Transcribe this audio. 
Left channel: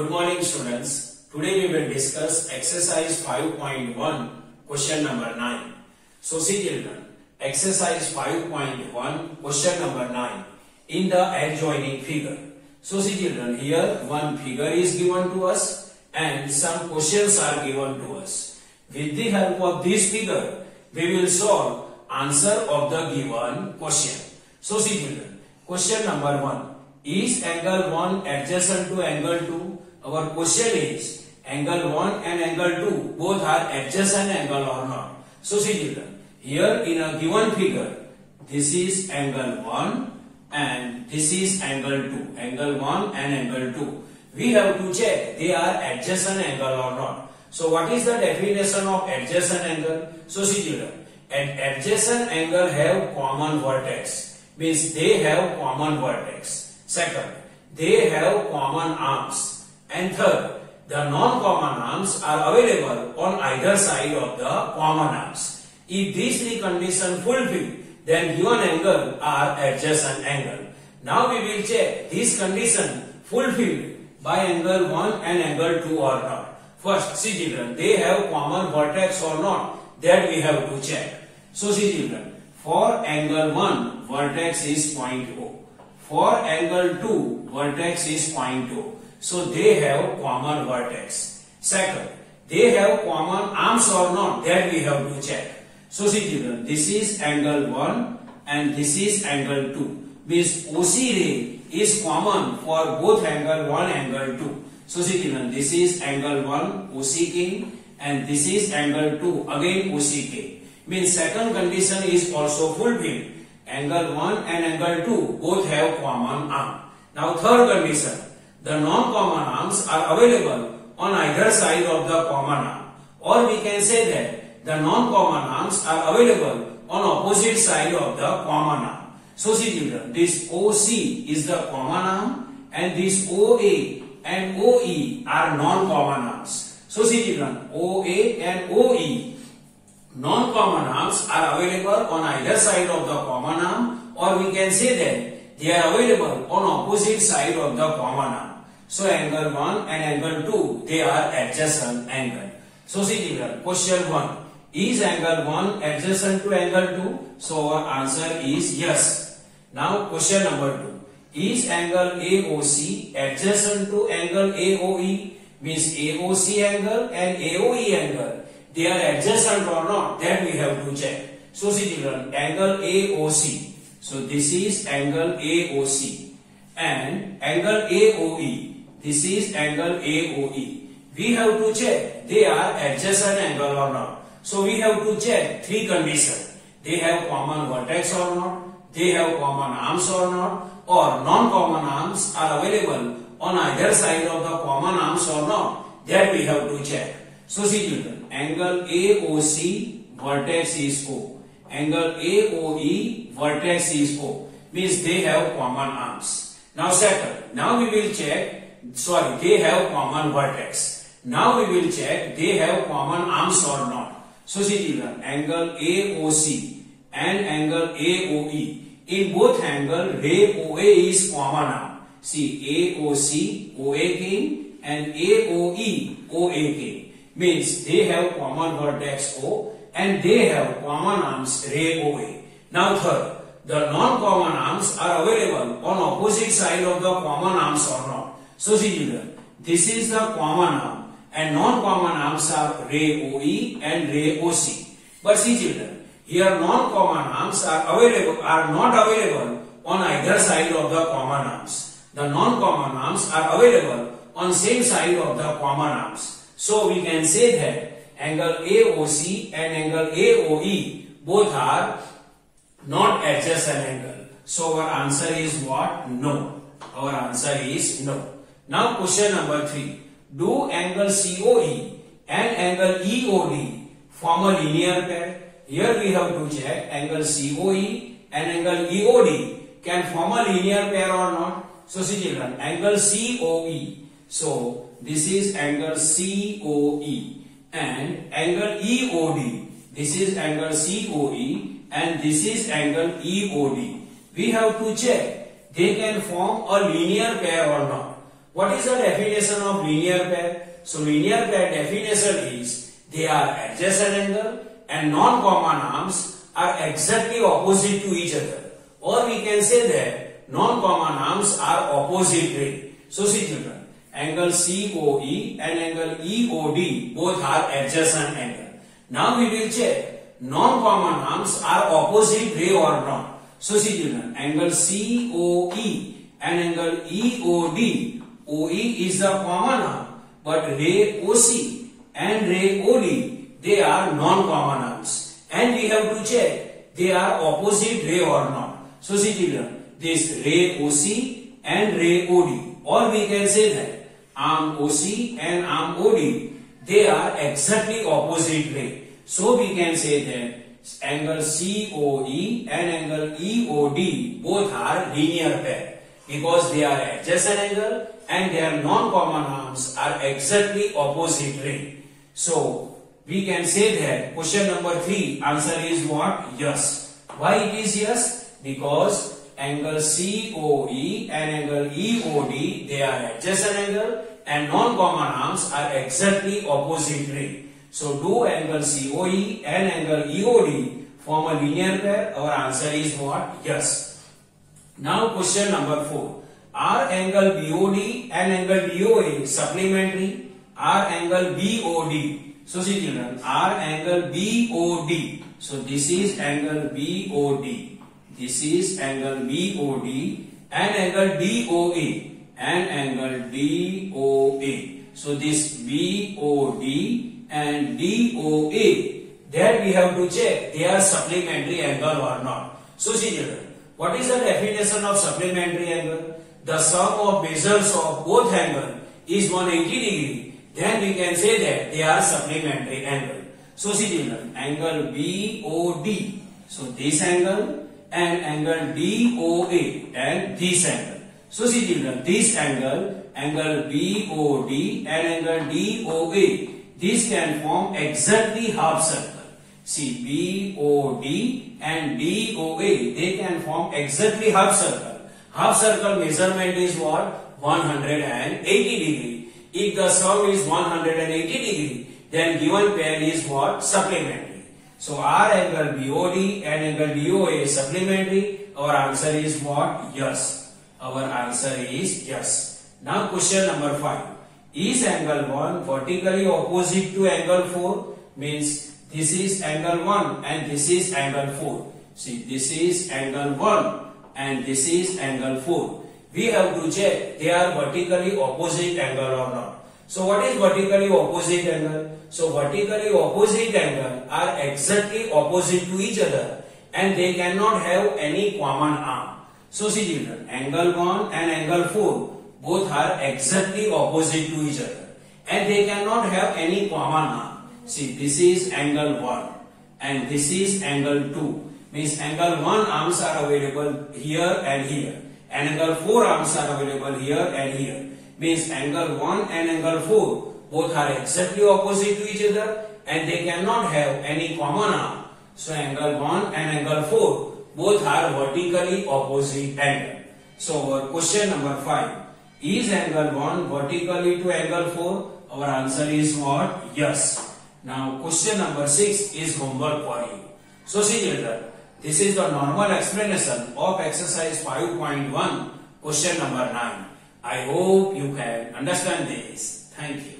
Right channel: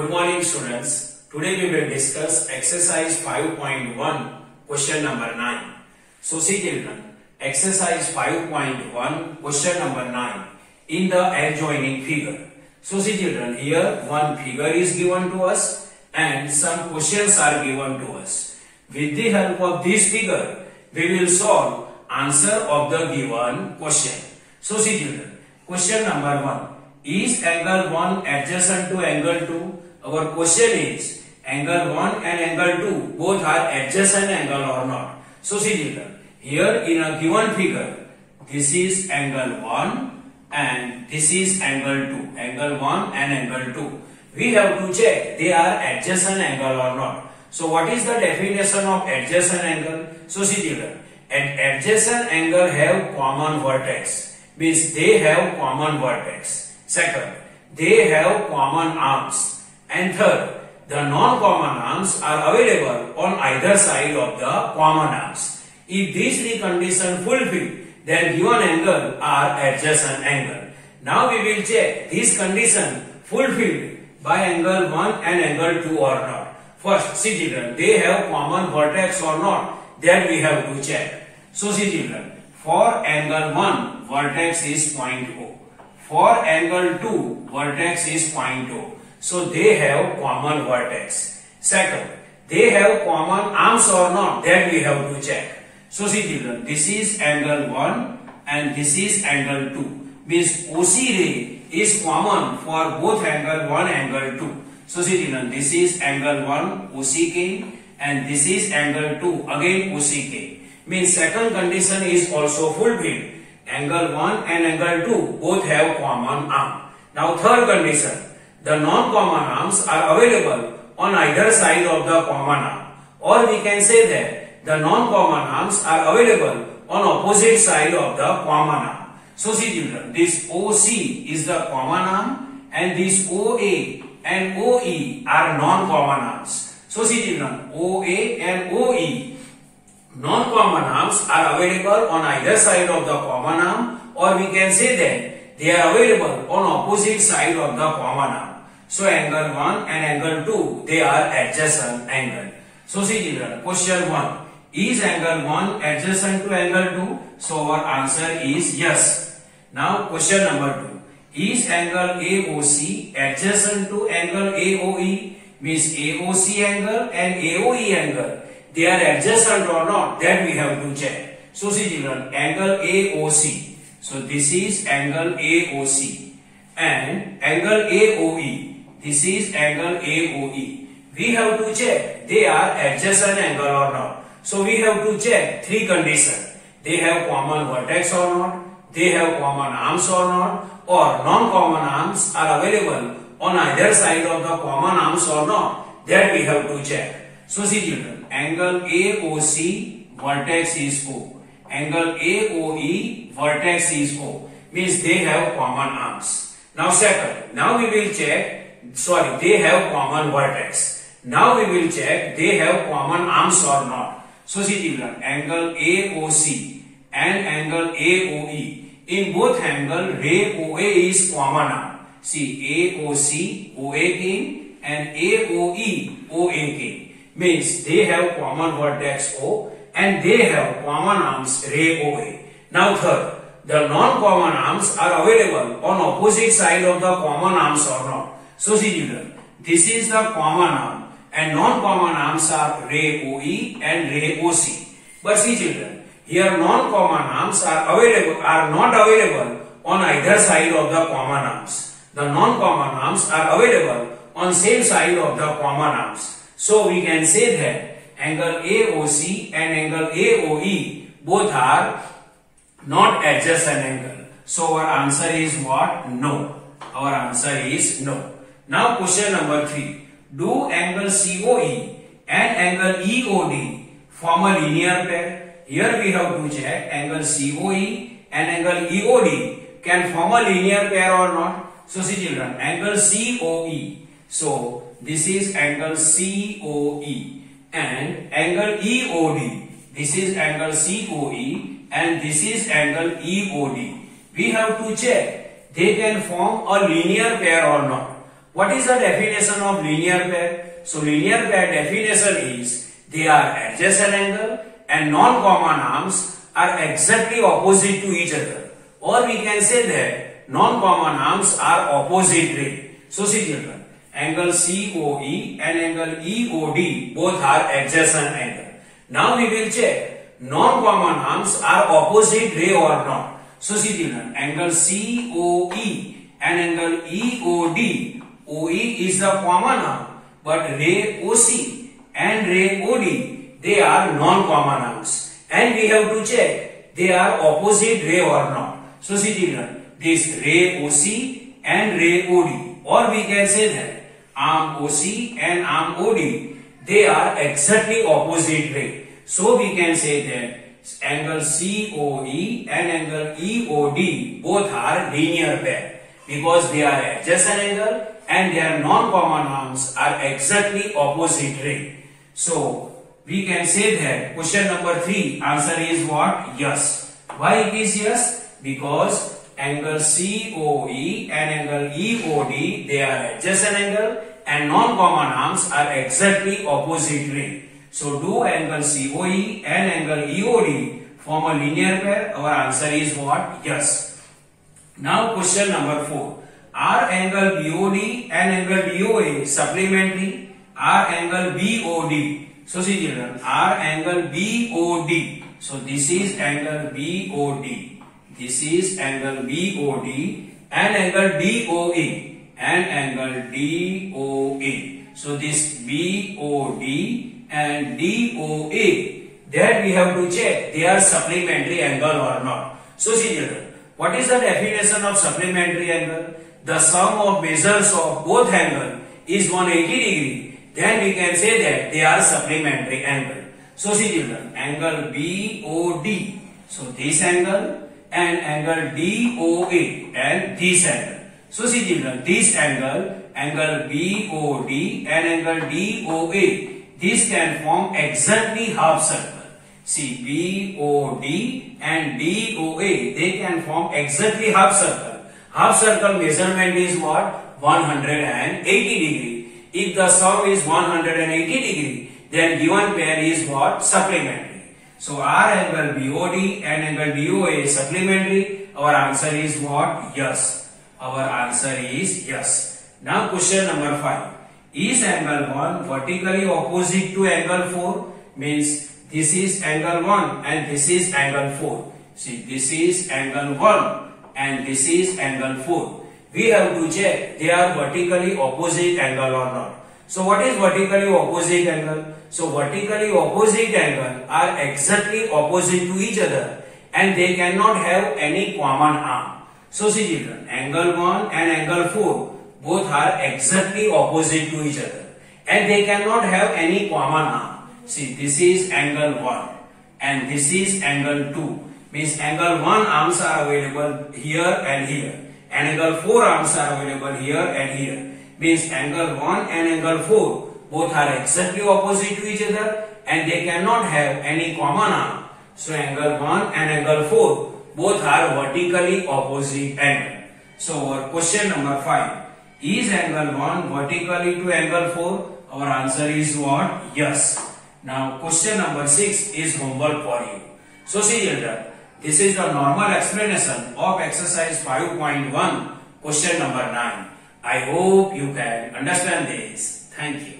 Good morning students. Today we will discuss exercise 5.1 question number 9. So see children, exercise 5.1 question number 9 in the adjoining figure. So see children, here one figure is given to us and some questions are given to us. With the help of this figure, we will solve answer of the given question. So see children, question number 1. Is angle 1 adjacent to angle 2? Our question is angle 1 and angle 2 both are adjacent angle or not. So see children, here in a given figure, this is angle 1 and this is angle 2. Angle 1 and angle 2. We have to check they are adjacent angle or not. So what is the definition of adjacent angle? So see children, adjacent angle have common vertex. Means they have common vertex. Second, they have common arms. And third, the non-common arms are available on either side of the common arms. If these three conditions fulfilled, then given angle are adjacent angle. Now we will check this condition fulfilled by angle 1 and angle 2 or not. First, see children, they have common vertex or not, that we have to check. So see children, for angle 1, vertex is point O. For angle 2, vertex is point O. So they have common vertex. Second, they have common arms or not, that we have to check. So see children, this is angle 1 and this is angle 2. Means OC ray is common for both angle 1 and angle 2. So see children, this is angle 1 OCK and this is angle 2 again OCK. Means second condition is also fulfilled. Angle 1 and angle 2 both have common arm. Now third condition, the non-common arms are available on either side of the common arm. Or we can say that the non-common arms are available on opposite side of the common arm. So see children, this OC is the common arm and this OA and OE are non-common arms. So see children, OA and OE non-common arms are available on either side of the common arm, or we can say that they are available on opposite side of the common arm. So angle 1 and angle 2, they are adjacent angle. So see children, question 1. Is angle 1 adjacent to angle 2? So our answer is yes. Now question number 2. Is angle AOC adjacent to angle AOE? Means AOC angle and AOE angle, they are adjacent or not, that we have to check. So see children, angle AOC. So this is angle AOC and angle AOE. This is angle AOE. We have to check they are adjacent angle or not. So we have to check three conditions. They have common vertex or not, they have common arms or not, or non-common arms are available on either side of the common arms or not, that we have to check. So see children, angle AOC, vertex is O. Angle AOE, vertex is O. Means they have common arms. Now second, now we will check, they have common vertex. Now we will check they have common arms or not. So see children, angle AOC and angle AOE. In both angle, ray OA is common arm. See, AOC, OAK and AOE, OAK. Means they have common vertex O and they have common arms ray OA. Now third, the non-common arms are available on opposite side of the common arms or not. So see children, this is the common arm and non-common arms are ray OE and ray OC. But see children, here non-common arms are not available on either side of the common arms. The non-common arms are available on same side of the common arms. So we can say that angle AOC and angle AOE both are not adjacent angle. So our answer is what? No. Our answer is no. Now question number 3. Do angle COE and angle EOD form a linear pair? Here we have to check angle COE and angle EOD can form a linear pair or not. So see children, angle COE. So this is angle COE and angle EOD. This is angle COE and this is angle EOD. We have to check they can form a linear pair or not. What is the definition of linear pair? So linear pair definition is they are adjacent angle and non-common arms are exactly opposite to each other. Or we can say that non-common arms are opposite ray. So see children, angle COE and angle EOD both are adjacent angle. Now we will check non-common arms are opposite ray or not. So see children, angle COE and angle EOD, OE is the common arm, but ray OC and ray OD, they are non-common arms. And we have to check they are opposite ray or not. So see children, this ray OC and ray OD, or we can say that arm OC and arm OD, they are exactly opposite ray. So we can say that angle COE and angle EOD both are linear pair because they are adjacent angle and their non-common arms are exactly opposite ray. So we can say that question number 3 answer is what? Yes. Why it is yes? Because angle COE and angle EOD, they are adjacent angle and non-common arms are exactly opposite ray. So do angle COE and angle EOD form a linear pair? Our answer is what? Yes. Now question number 4. Are angle BOD and angle DOA supplementary? Are angle BOD? So see children, are angle BOD. So this is angle BOD. This is angle BOD and angle DOA and angle DOA. So this BOD and DOA, that we have to check they are supplementary angle or not. So see children, what is the definition of supplementary angle? The sum of measures of both angle is 180 degree. Then we can say that they are supplementary angle. So see children, angle BOD, so this angle and angle DOA and this angle. So see children, this angle, angle BOD and angle DOA, this can form exactly half circle. See, BOD and DOA, they can form exactly half circle. Half circle measurement is what? 180 degree. If the sum is 180 degree, then given pair is what? Supplementary. So our angle BOD and angle DOA is supplementary. Our answer is what? Yes. Our answer is yes. Now question number 5. Is angle 1 vertically opposite to angle 4? Means this is angle 1 and this is angle 4. See, this is angle 1 and this is angle 4. We have to check they are vertically opposite angle or not. So what is vertically opposite angle? So vertically opposite angle are exactly opposite to each other and they cannot have any common arm. So see children, angle 1 and angle 4 both are exactly opposite to each other and they cannot have any common arm. See, this is angle 1 and this is angle 2. Means angle 1 arms are available here and here. And angle 4 arms are available here and here. Means angle 1 and angle 4 both are exactly opposite to each other and they cannot have any common arm. So angle 1 and angle 4 both are vertically opposite angle. So our question number 5. Is angle 1 vertically to angle 4? Our answer is what? Yes. Now question number 6 is homework for you. So see children, this is the normal explanation of exercise 5.1 question number 9. I hope you can understand this. Thank you.